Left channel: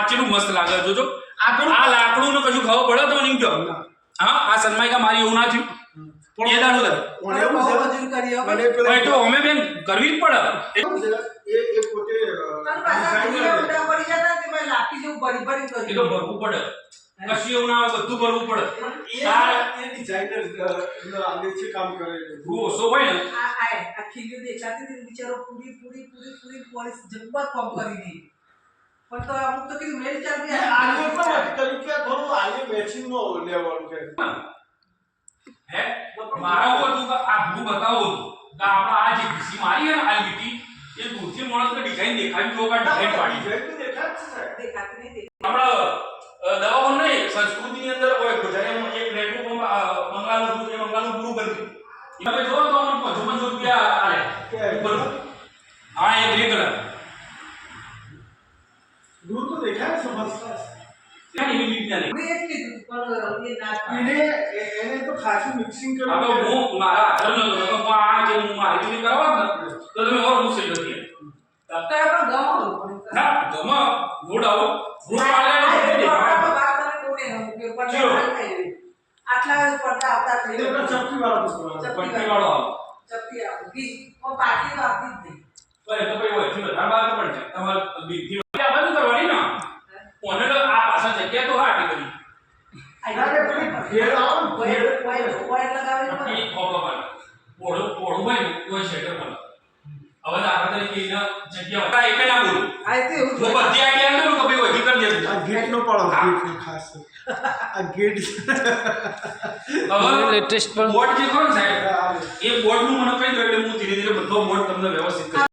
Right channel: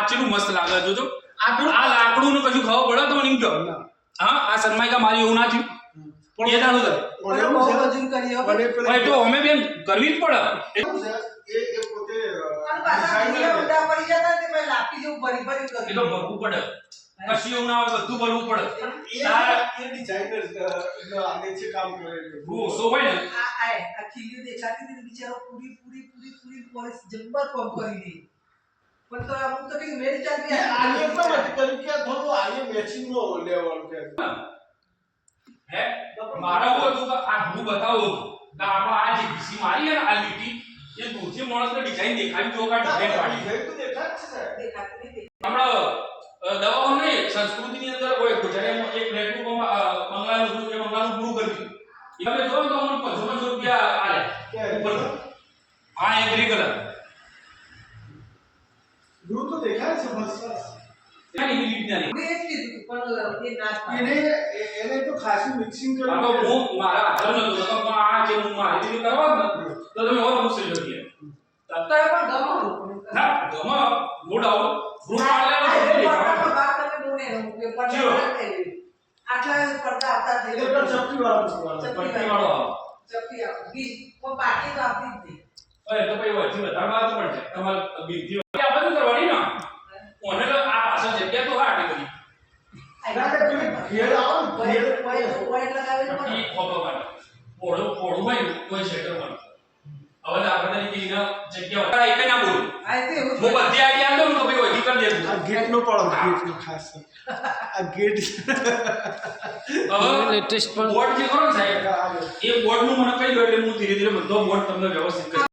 આચરું મસ્ત લાગે જોજો આ લાકડું ને કશું ખાવા પડે તો મને એમ કહો હા આ સનમાઈકા મારી એવું ના થયું પણ એ દાડો ભાઈ તો અમે બેન કરવી જ પડે એ પોતે એ તો ભરવું પડે કશું એવું ના આવે બધું ભરવું પડે એ ડિઝાઇનર આગે છે કામ કરે ઓછો હોય ને આ ખીલ્યું દેખાતી હતી બિચારો પૂરી પોલીસ જબ્બર કામ કરી દી પણ તો અમુક તો કીધું મેલ ચાલતી આગે પણ તરીકે થોડું આગે મેચિંગ નો લેવલ કે હે મારા હતું કે આ હું બતાવો કે આપણા આ જે બીસી મારી છે ને આ લીટી એ દૂરથી માણસને ડિઝાઇન દેખાવી જો કા ડિઝાઇન પાડી દેખાતી નહીં આપણા દવાઓ નહીં સંસ્કૃતિની અંદર હોય ગુજરાતીમાં એક નેટનું મંગાનું પૂરું કરી દીધું તમે જો તો અમને 500 રૂપિયા આલે ઉપર હા એ ગ્રે કલર દૂર તો દેખાય સમજતા ત્યાં એવી રીતના નહીં મેં જ કીધું પણ એ ના એને તો ખાસું મિક્સિંગ આ તો કર્યું હું મારા હાથનો તો આ જે હું મારી રીતે કરવા ને તો તમે ઓર મુશ્કેલ હતી તત્તા પણ ગમો ના ગમો નો ડાઉટ ગ્રુપ વાળાને વાત તમે બોલે કે પડદા આટલા પડદા આવતા થઈ એ તો ચપટી વાળો પટ્ટી વાળો ચપટી આવ બી કો પાટી તો આપતી જ નહીં અરે તો કઈ હોય છે વધારે વાત પણ છે તમાર બીજી આ બધું કરવાની ના ઓને આ પાછા જગ્યા તો હાટી કરી ઘેર આવો વાઈટ લગાવે પટ્ટી ખોબો પર પોળું હોય કોઈ શેટર પર હવે દાખલા તરીકે એના જગ્યા એક ના બોલું આ તે એવું હું બધી આઈડિયા આંદો તો ભાઈ વધી કરી દેજો આ ગેટ નો પાડો ગેટ નો ખાસ આ ગેટ હવે લેટેસ્ટ પણ બોર્ડ જે કોણ સાહેબ એ બોર્ડ નું મને કહી દો એટલે હું ધીરે ધીરે બધો બોર્ડ તમને વ્યવસ્થિત કરી